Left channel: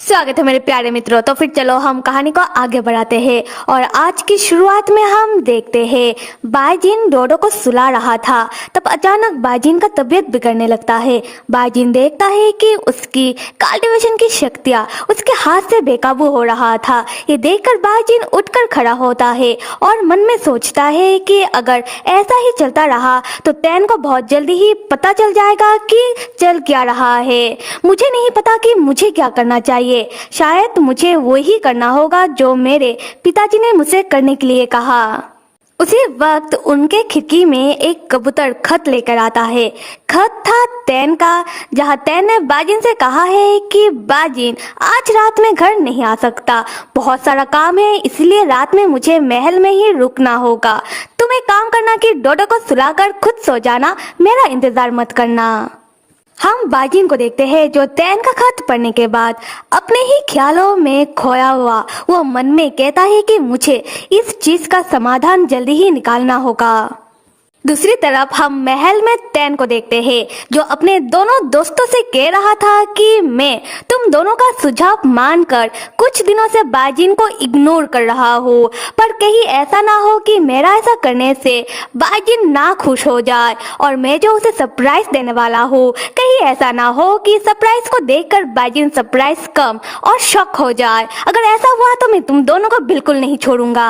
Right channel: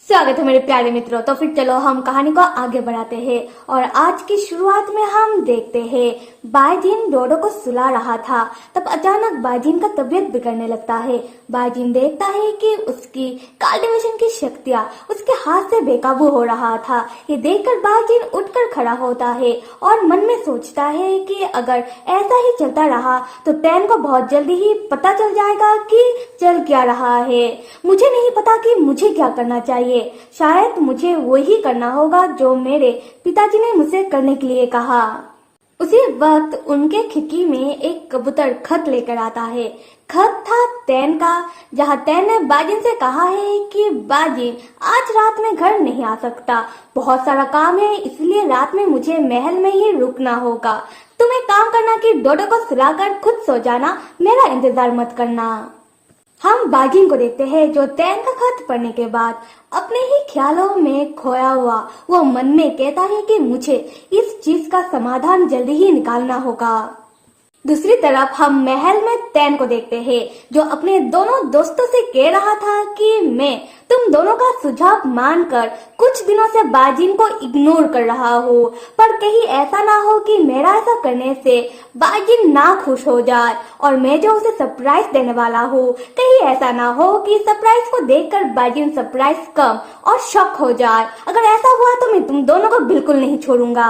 स्वागत है मेरे प्यारे मित्रों। तो फिर चलो हम कहानी को आगे बढ़ाते हैं और आज की शुरुआत में हम देखते हैं बाईजीन डोडो को सुला रहा था। तब अचानक बाईजीन का तबीयत बिगड़ने लगता है। बाईजीन देखता है कि उसकी कल्टीवेशन की शक्तियां उसके हाथ से बेकाबू हो रहा था। ये देखकर बाईजीन उठकर खड़ा होता है और मन में सोचता है कि अगर ऐसा ही चलता रहा तो तैन को बहुत जल्दी ही पता चल जाएगा कि चल क्या रहा है। मुझे नहीं पता कि मुझे क्या करना चाहिए। शायद मुझे वही करना होगा जो मेरे पिताजी ने मुझसे करने के लिए कहा। उसी वक्त उनके खिड़की में एक कबूतर खत लेकर आता है। खत था तैन का, जहां तैन ने बाजिन से कहा है कि बाजिन आज रात में घर नहीं आ सकता, बहुत सारा काम है, इसलिए रात में मुझे महल में ही रुकना होगा। तुम एक काम करना कि डोडो को सुलाकर खुद सो जाना, मेरा इंतजार मत करना। हम बाजिन को देखते हैं जो तैन का खत पढ़ने के बाद अपने ही ख्यालों में खोया हुआ वो मन में कहता है कि मुझे इस चीज का समाधान जल्दी ही निकालना होगा। दूसरी तरफ हम महल में तैन को देखते हैं जो अपने दोनों दोस्तों से कह रहा था कि मैं तुम दोनों का सुझाव मानकर कुछ दिनों से बाजिन को इग्नोर कर रहा हूँ, पर कहीं ऐसा ना हो कि मेरा ऐसा करने से बाजिन ना खुश हो जाए और मैं जो उसे सरप्राइज देने वाला हूँ, कहीं ऐसा ना हो कि सरप्राइज को देखकर बाजिन सरप्राइज कम और शॉक हो जाए। अगर ऐसा हुआ तो मैं तुम दोनों को बिल्कुल नहीं छोड़ूंगा।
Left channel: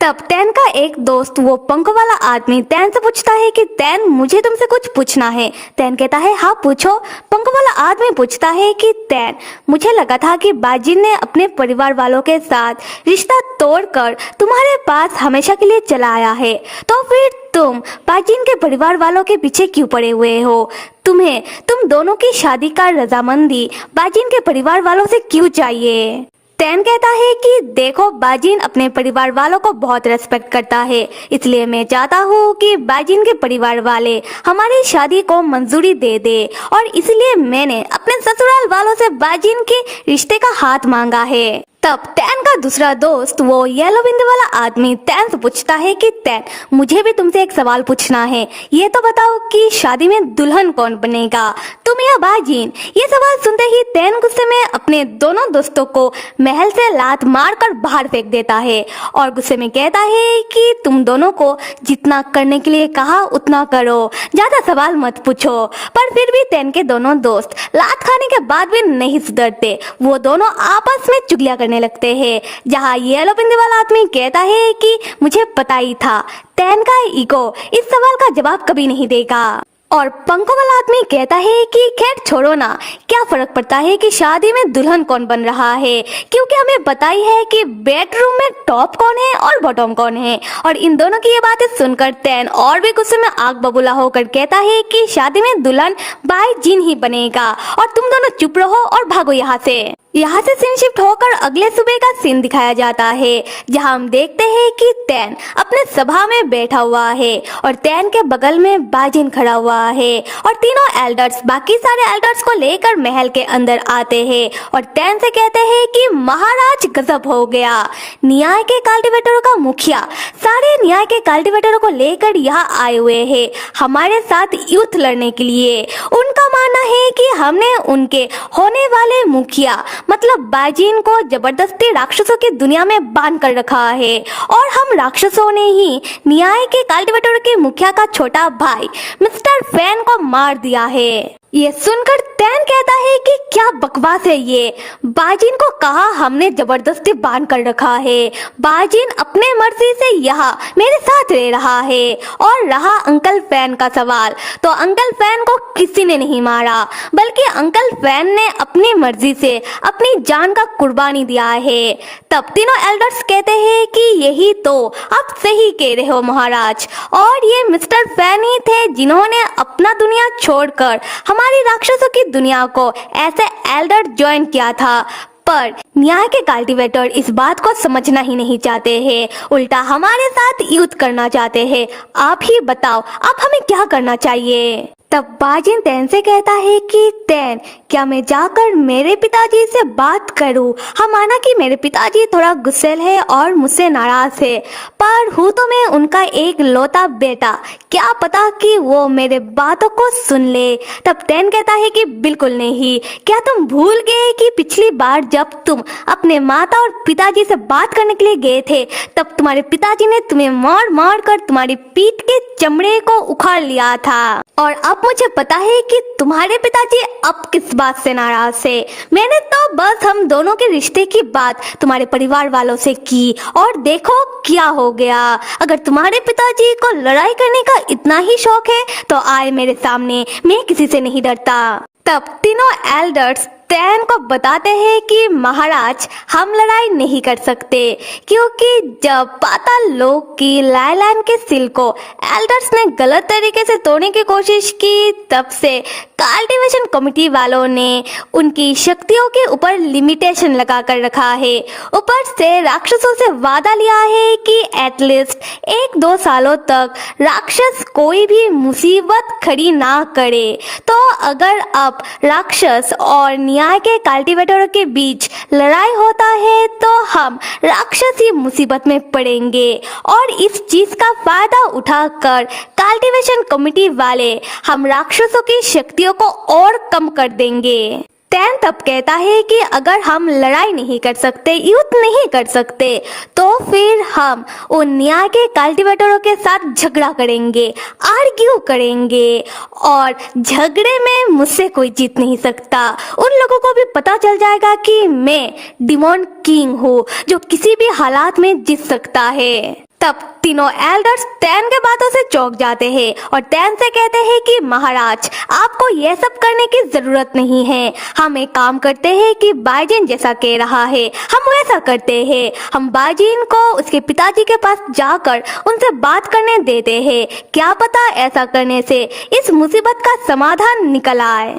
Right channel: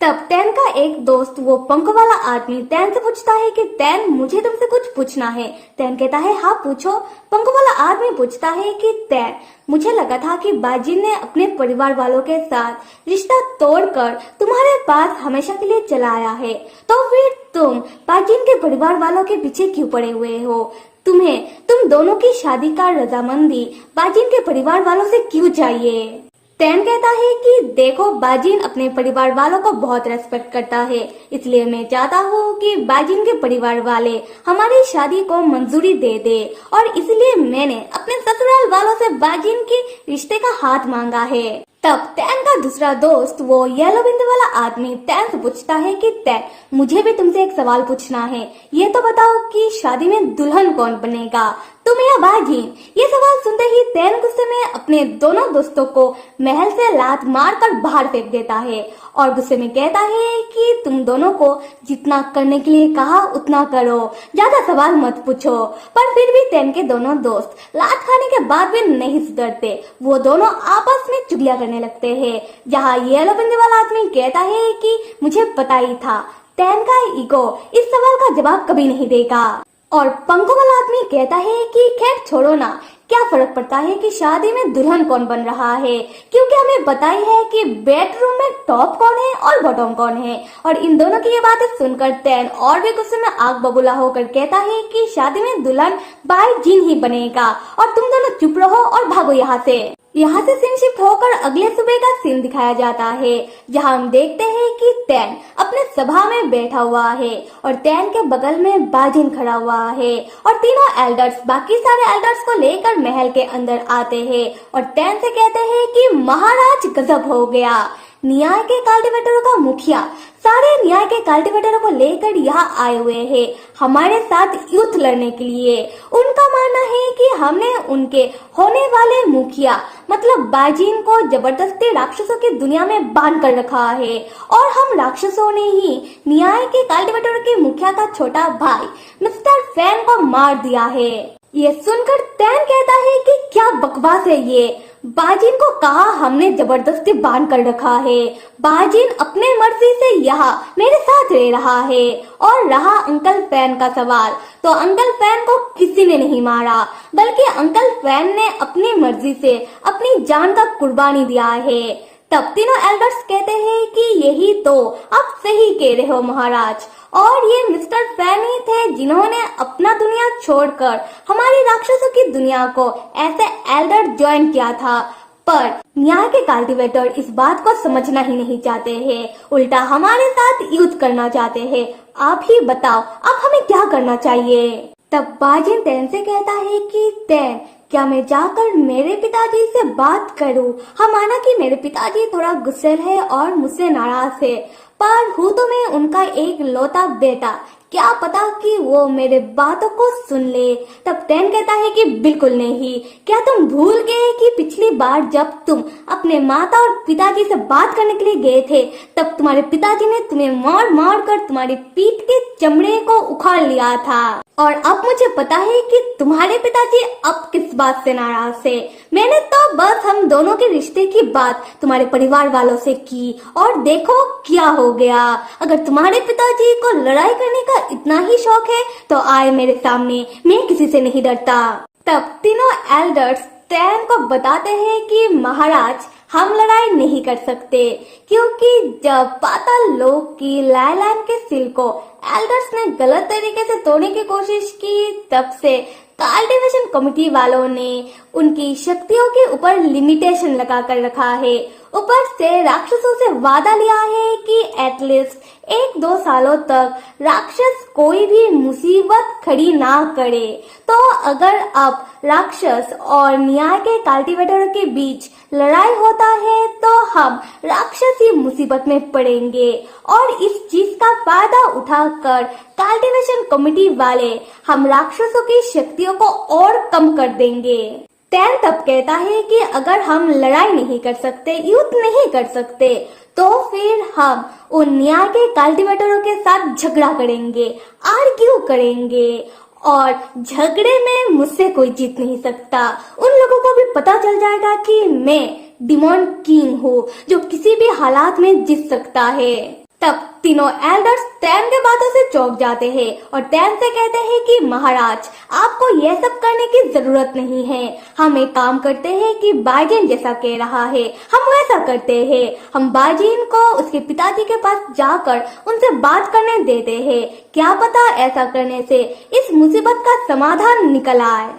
तब तैन का एक दोस्त वो पंख वाला आदमी तैन से पूछता है कि तैन मुझे तुमसे कुछ पूछना है। तैन कहता है हाँ पूछो। पंख वाला आदमी पूछता है कि तैन मुझे लगा था कि बाजिन ने अपने परिवार वालों के साथ रिश्ता तोड़कर तुम्हारे पास हमेशा के लिए चला आया है, तो फिर तुम बाजिन के परिवार वालों के पीछे क्यों पड़े हुए हो? तुम दोनों की शादी का रजामंदी बाजिन के परिवार वालों से क्यों चाहिए? तैन कहता है कि देखो बाजिन अपने परिवार वालों को बहुत रेस्पेक्ट करता है, इसलिए मैं चाहता हूँ कि बाजिन के परिवार वाले हमारी शादी को मंजूरी दे दे और इसलिए मैंने अपने ससुराल वालों से बाजिन के रिश्ते का हाथ मांगा है। तब तैन का दूसरा दोस्त वो येलो बिंदी वाला आदमी तैन से पूछता है कि तैन मुझे भी तुमसे एक सवाल पूछना है, ये तो बताओ कि शादी में दुल्हन कौन बनेगा, तुम या बाजिन? ये सवाल सुनते ही तैन गुस्से में अपने दोनों दोस्तों को महल से लात मारकर बाहर फेंक देता है और गुस्से में कहता है कि तुम दोनों को जितना करने के लिए कहा उतना करो, ज्यादा सवाल मत पूछो। पर फिर भी तैन के दोनों दोस्त लात खाने के बाद भी नहीं सुधरते। वो दोनों आपस में चुगलियां करने लगते हैं, जहां येलो बिंदी वाला आदमी कहता है कि मुझे पता ही था तैन का ईगो इस सवाल का जवाब कभी नहीं देगा। और पंखों वाला आदमी कहता है कि खैर छोड़ो ना, क्या फर्क पड़ता है कि शादी में दुल्हन कौन बन रहा है, क्योंकि हमें पता ही है कि बेडरूम में टॉप कौन है और बॉटम कौन है। और इन दोनों की ये बातें सुनकर तैन और भी गुस्से में आग बबूला होकर कहता है कि शादी में दुल्हन बाईजिन ही बनेगा और तुम दोनों चुप रहो और भागो यहाँ से। यहाँ से सीन शिफ्ट होकर अगले सुबह का सीन दिखाया जाता है, जहाँ हम देखते हैं कि तैन अपने सभा में बैठा हुआ है और तैन के बगल में बाजिन खड़ा हुआ है और तीनों एल्डर्स बाकी सारे एल्डर्स को लेकर महल के अंदर आते हैं और तैन से कहते हैं कि महाराज गजब हो गया, न्याय के कल्टीवेटरों का मुखिया सारे न्याय के कल्टीवेटरों को लेकर यहाँ आए हुए हैं हमारे साथ युद्ध लड़ने के लिए। उनका मानना है कि हमने उनके होने वाले मुखिया मतलब बाजिन को जबरदस्ती राक्षसों की दुनिया में बांध कर रखा है और हम राक्षसों ने ही न्याय के कल्टीवेटर के मुखिया का छोटा भाई मिस्टर फैन को मार दिया है। ये सुनकर तैन कहता है कि क्या बकवास है ये, बाजिन को कहा हमने जबरदस्ती बांध कर रखा है, बाजिन अपने मर्जी से यहाँ मेरे साथ रह रहा है। और रहा अंकल फैन का सवाल, तो अंकल फैन को किसी ने नहीं मारा, बल्कि अंकल फैन ने अपनी मर्जी से अपनी जान का कुर्बानी दिया है। तब तीनों एल्डर्स कहते हैं कि यही तो आप सही कह रहे हो महाराज, और ये मिस्टर फैन ही थे जिन्होंने अपना दुनिया छोड़कर हमारी राक्षसों की दुनिया को ऐसे एल्डर ज्वाइन किया था। पर न्याय के कल्टीवेटर इस बात को समझना ही नहीं चाहते हैं, उल्टा हमारे साथ युद्ध करना चाहते हैं। आप ही बताओ अब हमें क्या करना चाहिए? तब बाजिन तैन से कहता है कि तैन, क्या मैं जाकर मेरे पिताजी से बात करूं? हम माना कि मेरे पिताजी थोड़ा गुस्सेल है और मुझसे नाराज है, पर हूँ तो मैं उनका एक लौता बेटा, क्या पता कि वो मेरे बातों को सुन ले। तब तैन कहता है कि बिल्कुल नहीं, क्या तुम भूल गए कि पिछली बार जब तुम अपने माता और पिताजी से बात करने के लिए गए थे, तब तुम्हारे पिताजी ने तुम्हें मार मार कर तुम्हारी पीठ के चमड़े को उखाड़ लिया था। और अब मुझे पता है कि तुम्हारे पिताजी अब किस बात से नाराज है। मैंने तो बस हम दोनों के रिश्ते की बात तुम्हारे परिवार वालों से की और देखो क्या हो गया। अगर तुम्हारे पिताजी को लड़ाई करने का इतना ही शौक है तो आए मेरे सामने, मैं किसी से नहीं डरता। तब तीनों एल्डर्स तैन को बताते हैं कि महाराज, हम लड़ाई नहीं कर सकते, क्योंकि जब पाताल लोक की लाइलैंड के सिल को एल्डर्स ने गलत तरीके से तोड़ने की कोशिश की, तब से कल्टीवेशन कमेटी वालों ने उनकी शक्तियों के ऊपर लिमिटेशन लगा कर रखा है। ऊपर से राक्षसों से वादा लिया है कि एटलीस्ट 1-2 सालों तक राक्षस कोई भी मुसीबत खड़ी ना करे। तो अगर अब राक्षस और न्याय के कल्टीवेटरों के बीच लड़ाई होता है तो हम राक्षस ही मुसीबत में पड़ेंगे, और इस चीज का फायदा उठाकर कल्टीवेशन कमेटी वाले हम राक्षसों की शक्तियों को और कम कर देंगे। तैन तब कहता है कि अगर हम लड़ाई नहीं कर सकते, युद्ध नहीं कर सकते, तो फिर हम उन न्याय के कल्टीवेटरों के साथ झगड़ा करेंगे, आर्ग्यू करेंगे, और झगड़े में मुझसे कोई जीत नहीं सकता। उन लोगों को भी पता चल जाएगा कि मैं डिमॉन किंग हूँ जो किसी भी हालात में जीत सकता है। तब तीनों एल्डर्स तैन के बातों से चौंक जाते हैं और तैन से कहते हैं कि महाराज, आपको यह सब करने की जरूरत नहीं है। हम एक काम करते हैं कि बाजिन जैसा कह रहा है हम वैसा करते हैं। हम बाजिन को उसके पिताजी के पास जाकर उनसे बात करने देते हैं, क्या पता ऐसा करने से इस मुसीबत का समाधान निकल आए।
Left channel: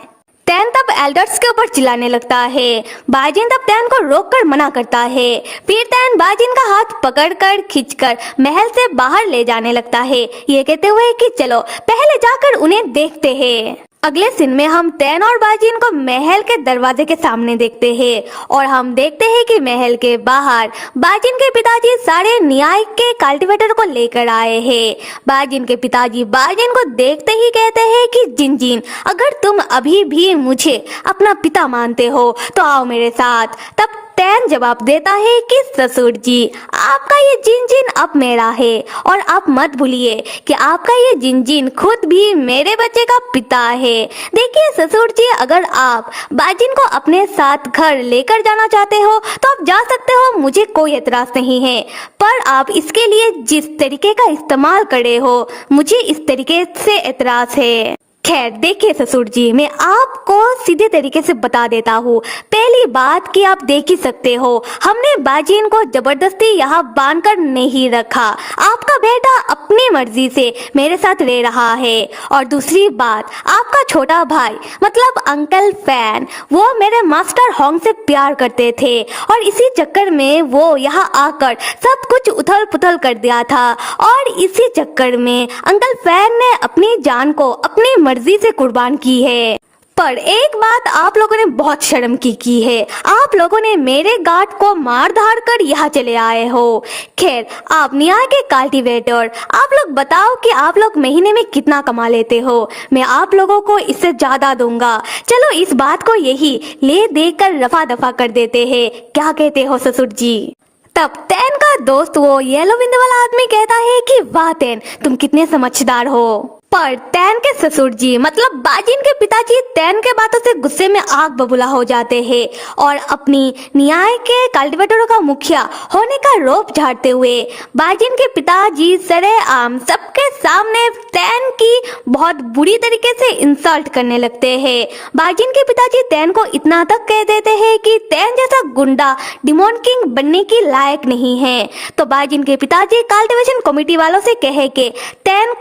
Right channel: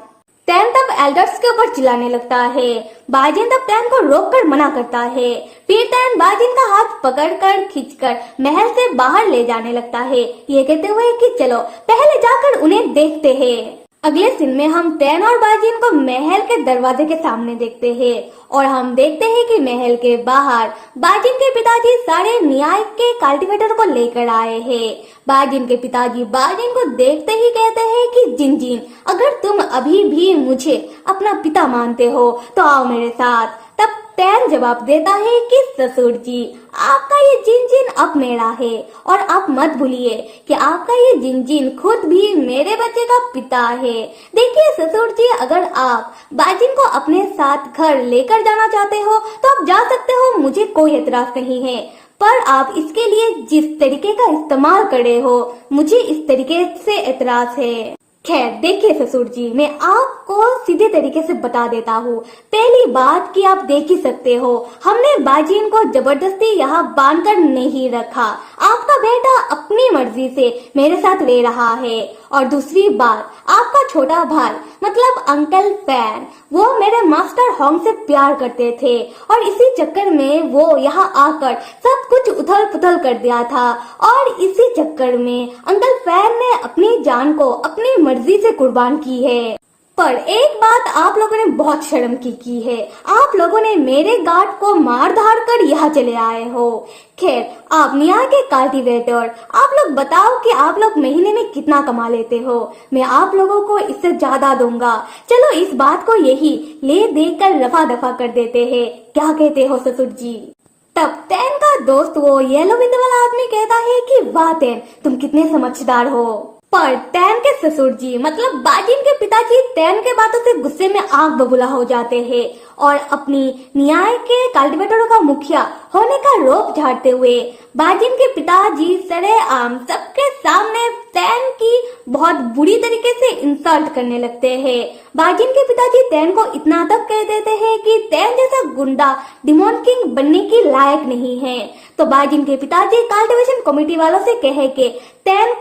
तैन तब एल्डर्स के ऊपर चिल्लाने लगता है। बाजिन तब तैन को रोककर मना करता है। फिर तैन बाजिन का हाथ पकड़कर खींचकर महल से बाहर ले जाने लगता है, ये कहते हुए कि चलो पहले जाकर उन्हें देखते हैं। अगले सीन में हम तैन और बाजिन को महल के दरवाजे के सामने देखते हैं और हम देखते हैं कि महल के बाहर बाजिन के पिताजी सारे न्याय के कल्टीवेटर को लेकर आए हैं। बाजिन के पिताजी बाजिन को देखते ही कहते हैं कि जिनजिन, अगर तुम अभी भी मुझे अपना पिता मानते हो तो आओ मेरे साथ। तब तैन जवाब देता है कि ससुर जी, आपका ये जिनजिन अब मेरा है, और आप मत भूलिए कि आपका ये जिनजिन खुद भी मेरे बच्चे का पिता है। देखिए ससुर जी, अगर आप बाजिन को अपने साथ घर लेकर जाना चाहते हो तो आप जा सकते हो, मुझे कोई एतराज नहीं है, पर आप इसके लिए जिस तरीके का इस्तेमाल करे हो मुझे इस तरीके से एतराज है। खैर देखिए ससुर जी, मैं आपको सीधे तरीके से बता देता हूँ। पहली बात कि आप देख ही सकते हो, हमने बाजिन को जबरदस्ती यहाँ बांधकर नहीं रखा, आपका बेटा अपनी मर्जी से मेरे साथ रह रहा है। और दूसरी बात, आपका छोटा भाई मतलब अंकल फैन, वो मेरे मास्टर होंग से प्यार करते थे और इसी चक्कर में वो यहाँ आकर सब कुछ उथल पुथल कर दिया था, और इसी चक्कर में अंकल फैन ने अपनी जान को अपनी मर्जी से कुर्बान की है। पर एक बात आप लोगों ने बहुत शर्म की है, आप लोगों ने मेरे गार्ड को मार धार कर यहाँ चले आए हो। खैर आप न्याय के कल्टीवेटर, आप लोग बताओ कि आप लोग महीने में कितना कमा लेते हो, मैं आप लोगों को इससे ज्यादा दूंगा। चलो इस बात को यही ले देकर रफा दफा कर देते हैं, क्या कहते हो ससुर जी? तब तैन का दोस्त वो येलो बिंद वाला आदमी कहता है कि वाह तैन, तुम कितने समझदार हो। पर तैन के ससुर जी मतलब बाजिन के पिताजी तैन के बातों से गुस्से में आग बबूला हो जाते हैं और अपनी न्याय के कल्टीवेटरों का मुखिया होने का रोप झाड़ते हुए बाजिन के पिताजी सरेआम सबके सामने तैन की बहुत बुरी तरीके से इंसल्ट करने लगते हैं। बाजिन के पिताजी तैन को इतना तक कह देते हैं कि तैन जैसा गुंडा डिमॉन किंग बनने की लायक नहीं है। तो बाजिन के पिताजी कल्टीवेशन कमेटी वालों से कहे कि तैन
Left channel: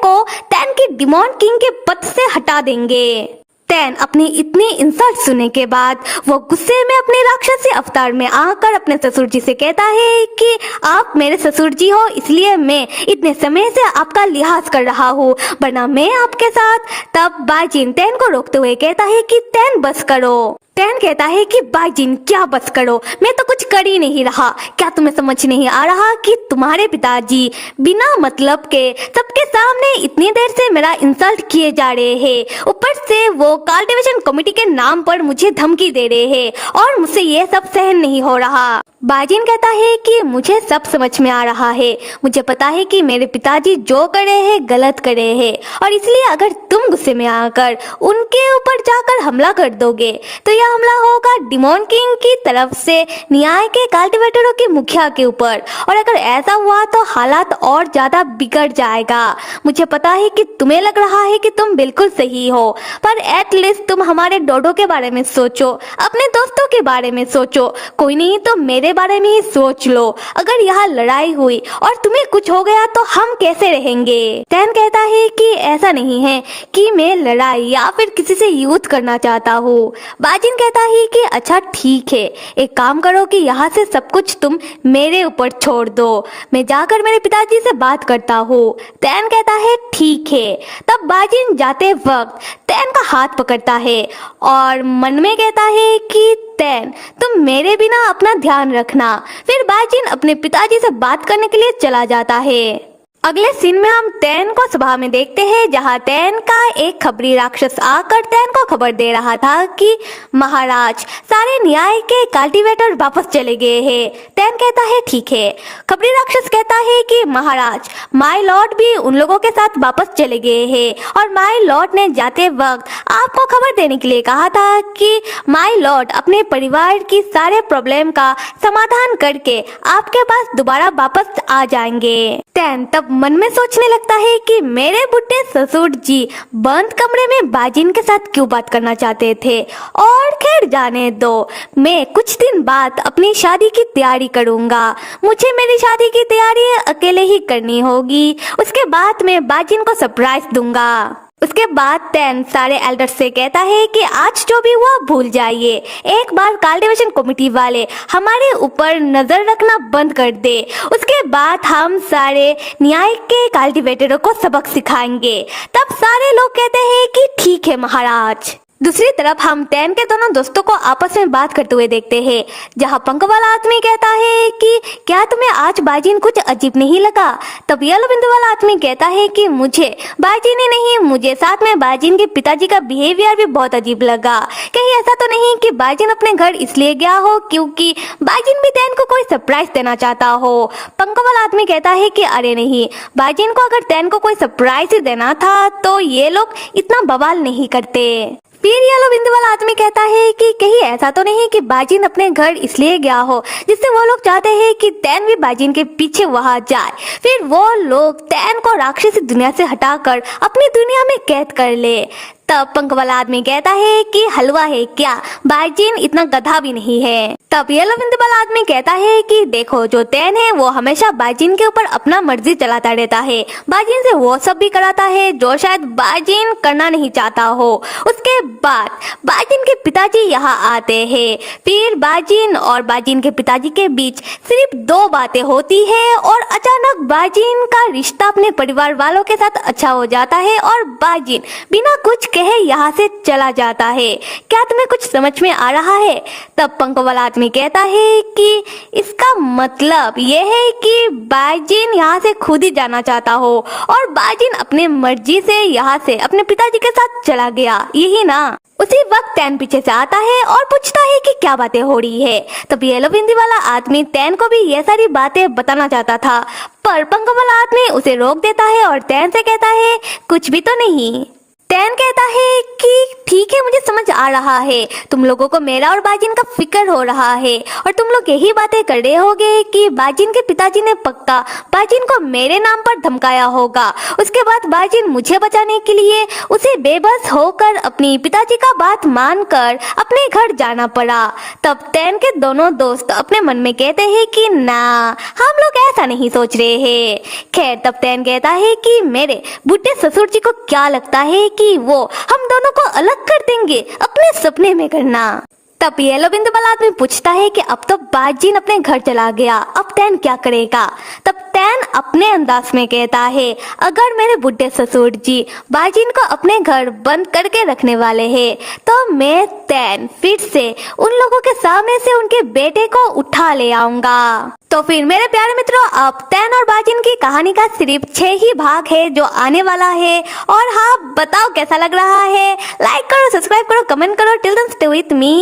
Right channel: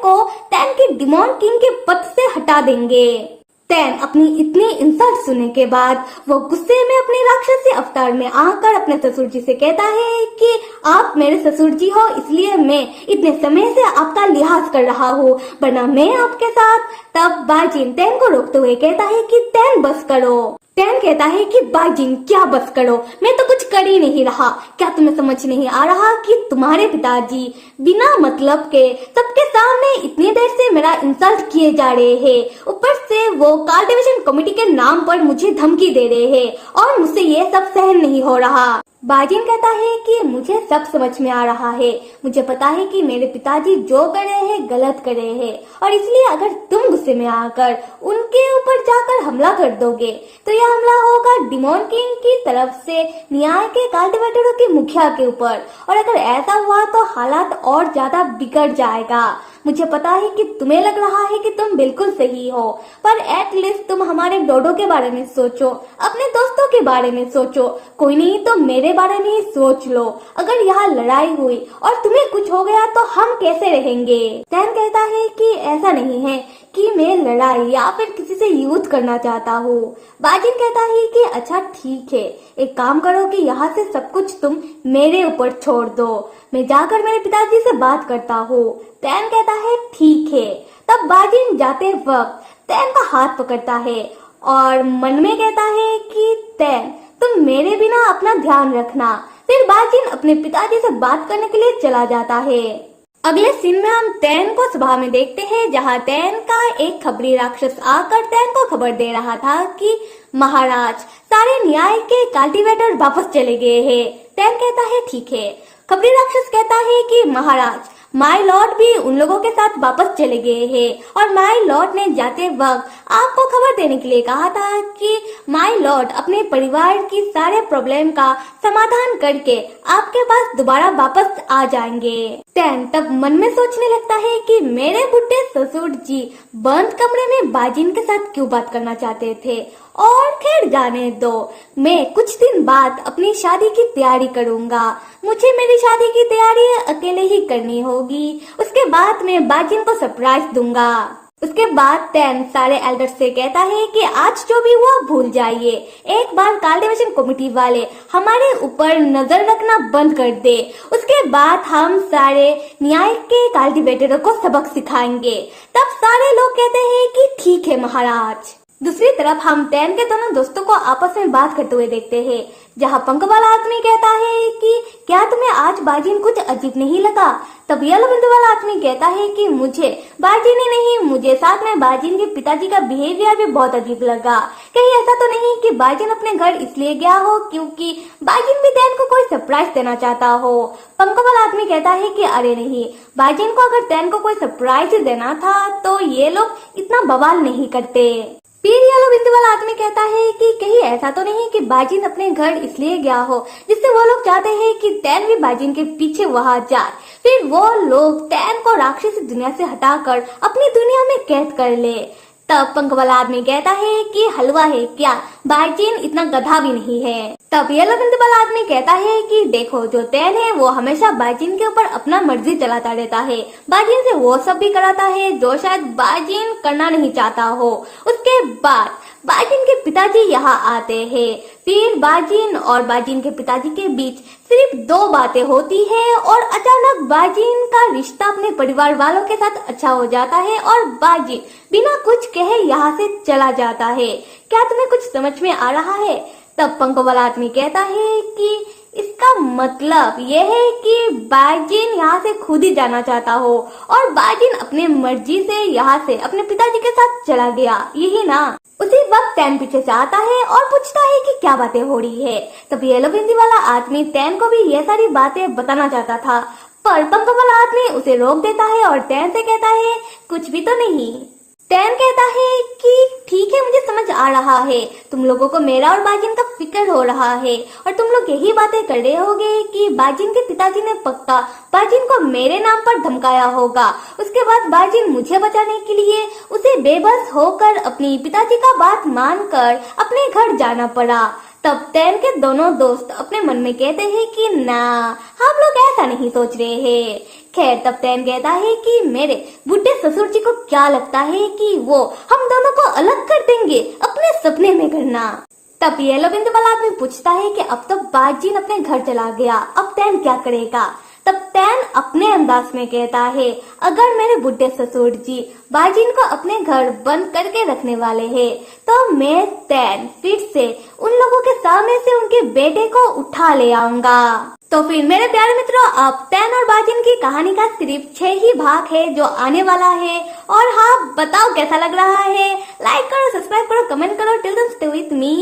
की डिमॉन किंग के पद से हटा देंगे। तैन अपनी इतनी इंसल्ट सुनने के बाद वो गुस्से में अपने राक्षसी अवतार में आकर अपने ससुर जी से कहता है कि आप मेरे ससुर जी हो, इसलिए मैं इतने समय से आपका लिहाज कर रहा हूँ, वरना मैं आपके साथ। तब बाजिन तैन को रोकते हुए कहता है कि तैन बस करो। तैन कहता है कि बाजिन क्या बस करो, मैं तो कुछ कर ही नहीं रहा। क्या तुम्हें समझ नहीं आ रहा कि तुम्हारे पिताजी बिना मतलब के सबके सामने इतनी देर से मेरा इंसल्ट किए जा रहे हैं, ऊपर से वो कल्टीवेशन कमेटी के नाम पर मुझे धमकी दे रहे हैं और मुझसे ये सब सहन नहीं हो रहा। बाजिन कहता है कि मुझे सब समझ में आ रहा है, मुझे पता है कि मेरे पिताजी जो कर रहे हैं गलत कर रहे हैं, और इसलिए अगर तुम गुस्से में आकर उनके ऊपर जाकर हमला कर दोगे तो यह हमला होगा डिमोन किंग की तरफ से न्याय के कल्टीवेटरों के मुखिया के ऊपर, और अगर ऐसा हुआ तो हालात और ज्यादा बिगड़ जाएगा। मुझे पता है कि तुम्हें लग रहा है कि तुम बिल्कुल सही हो, पर एटलीस्ट तुम हमारे डोडो के बारे में सोचो, अपने दोस्तों के बारे में सोचो, कोई नहीं तो मेरे बारे में ही सोच लो। अगर यहाँ लड़ाई हुई और तुम्हें कुछ हो गया तो हम कैसे रहेंगे? तैन कहता है कि ऐसा नहीं है कि मैं लड़ाई या फिर किसी से युद्ध करना चाहता हूँ। बाजिन कहता है कि अच्छा ठीक है, एक काम करो कि यहाँ से सब कुछ तुम मेरे ऊपर छोड़ दो, मैं जाकर मेरे पिताजी से बात करता हूँ। तैन कहता है ठीक है। तब बाजिन जाते वक्त तैन का हाथ पकड़ता है और मन में कहता है कि तैन तुम मेरे बिना अपना ध्यान रखना। फिर बाजिन अपने पिताजी से बात करने के लिए चला जाता है। अगले सीन में हम तैन को सभा में देखते हैं, जहां तैन का एक खबरी राक्षस आकर तैन को खबर दे रहा था कि महाराज सारे न्याय के कल्टीवेटर वापस चले गए हैं। तैन कहता है ठीक है। खबरी राक्षस कहता है कि महाराज माय लॉर्ड भी उन लोगों के साथ वापस चले गए हैं, और माय लॉर्ड ने जाते वक्त आपको खबर देने के लिए कहा था कि माय लॉर्ड अपने परिवार की सारे प्रॉब्लम का समाधान करके आपके पास दोबारा वापस आ जाएंगे। तैन तब मन में सोचने लगता है कि मेरे बुढ़े ससुर जी बंद कमरे में बाजिन के साथ क्यों बात करना चाहते थे, और खैर जाने दो, मैं कुछ दिन बाद अपनी शादी की तैयारी करूंगा। मुझे मेरी शादी की तैयारी अकेले ही करनी होगी, उसके बाद मैं बाजिन को सरप्राइज दूंगा। उसके बाद तैन सारे एल्डर्स से कहता है कि आज जो भी हुआ भूल जाइए, एक बार कल्टीवेशन कमेटी वाले हमारे ऊपर नजर रखना बंद कर दे, उसके बाद हम सारे न्याय के कल्टीवेटरों को सबक सिखाएंगे। तब सारे लोग कहते हैं कि ठीक है महाराज। दूसरी तरफ हम तैन के दोनों दोस्तों को आपस में बात करते हुए देखते हैं, जहां पंख वाला आदमी कहता है कि क्या तुम्हें आज बाजिन कुछ अजीब नहीं लगा? तब येलो बिंदु वाला आदमी कहता है कि मुझे बाजिन ही नहीं, मुझे साथ में बाजिन के पिताजी का बिहेवियर भी बहुत अजीब लगा। कहीं ऐसा तो नहीं कि बाजिन अपने घर इसलिए गया हो क्योंकि बाजिन भी तैन को कोई सरप्राइज देना चाहता हो? पंख वाला आदमी कहता है कि अरे नहीं, बाजिन को अगर तैन को कोई सरप्राइज देना था तो ये लोग इतना बवाल नहीं करते। फिर येलो बिंदु वाला आदमी कहता है कि कहीं ऐसा तो नहीं कि बाजिन अपने घर इसलिए गया हो जिससे वो लोग चाहते हैं कि तैन भी बाजिन के पीछे वहां जाए, फिर वो लोग तैन को राक्षसी दुनिया से हटाकर अपनी दुनिया में कैद कर ले। तब पंख वाला आदमी कहता है कि हलवा है क्या, बाजिन इतना गधा भी नहीं है। तब येलो बिंदु वाला आदमी कहता है कि देखो जो तैन है वो हमेशा बाजिन के ऊपर अपना मर्जी चलाता रहता है, बाजिन से वो सब भी कराता है जो शायद बाजिन करना नहीं चाहता हो। उसके बाद बाजिन के पिताजी यहाँ आते हैं, फिर बाजिन और बाजिन के पिताजी के बीच सिर्फ दो बातें होती है और अचानक बाजिन का रिश्ता अपने परिवार वालों के साथ अच्छा हो जाता है और बाजिन बिना कुछ कहे यहाँ से चला जाता है। क्या तुम्हें कुछ समझ में आ रहा है? तब पंख वाला आदमी कहता है कि इसका मतलब यह है कि बाजिन यहाँ से खुद ही जाना चाहता हो और बाजिन अपने मर्जी से यहाँ से अपने पिताजी के साथ चला गया, यही ना? उसी वक्त तैन पीछे से आता है और पूछता है कि क्या बातें हो रही है। तब येलो बिंदी वाला आदमी तैन को भी ये सारी बातें बताना चाहता था, पर पंख वाला आदमी उसे रोक देता है और तैन से कहता है कुछ भी तो नहीं। तैन कहता है कि ठीक है, मुझे समझ आ रहा है, तुम लोगों को मेरा और बाजिन का फिक्र हो रहा है और तुम लोग यही बातें कर रहे होगे कि बाजिन के पिताजी ने पक्का बाजिन को मेरे नाम पर धमकाया होगा। उसके बाद बाजिन मुझे बचाने के लिए उसे बेबस होकर अपनी पिताजी का बात मानकर अपने घर जाना पड़ा। तब तैन के दोनों दोस्त अपने मन में कहते हैं कि ना, हम लोग ऐसा नहीं सोच रहे हैं। खैर, तब तैन कहता है कि मेरे बुढ़े ससुर जी को क्या लगता है कि कि वो हम दोनों को अलग कर देंगे, अपने सपने में करना। तब येलो बिंदु वाला आदमी पूछता है कि अब तो बाजीन अपने घर चला गया, अब तैन क्या करेगा। तब तैन अपने अंदाज में कहता है, अगर मेरे बुढ़े ससुर जी बाजीन को अपने घर बंद करके रखने वाले हैं तो मैं तैन फिर से उन लोगों के सामने से उनके बेटे को उठा ले आऊंगा। तो फिर मेरे प्यारे मित्रों, अब तैन और बाजिन की कहानी का सिर्फ 6 ही भाग है जो आने वाला है। और हाँ, बताओ कैसा लग रहा है। लाइक करो, सब्सक्राइब करो, कमेंट करो। Till then stay with me.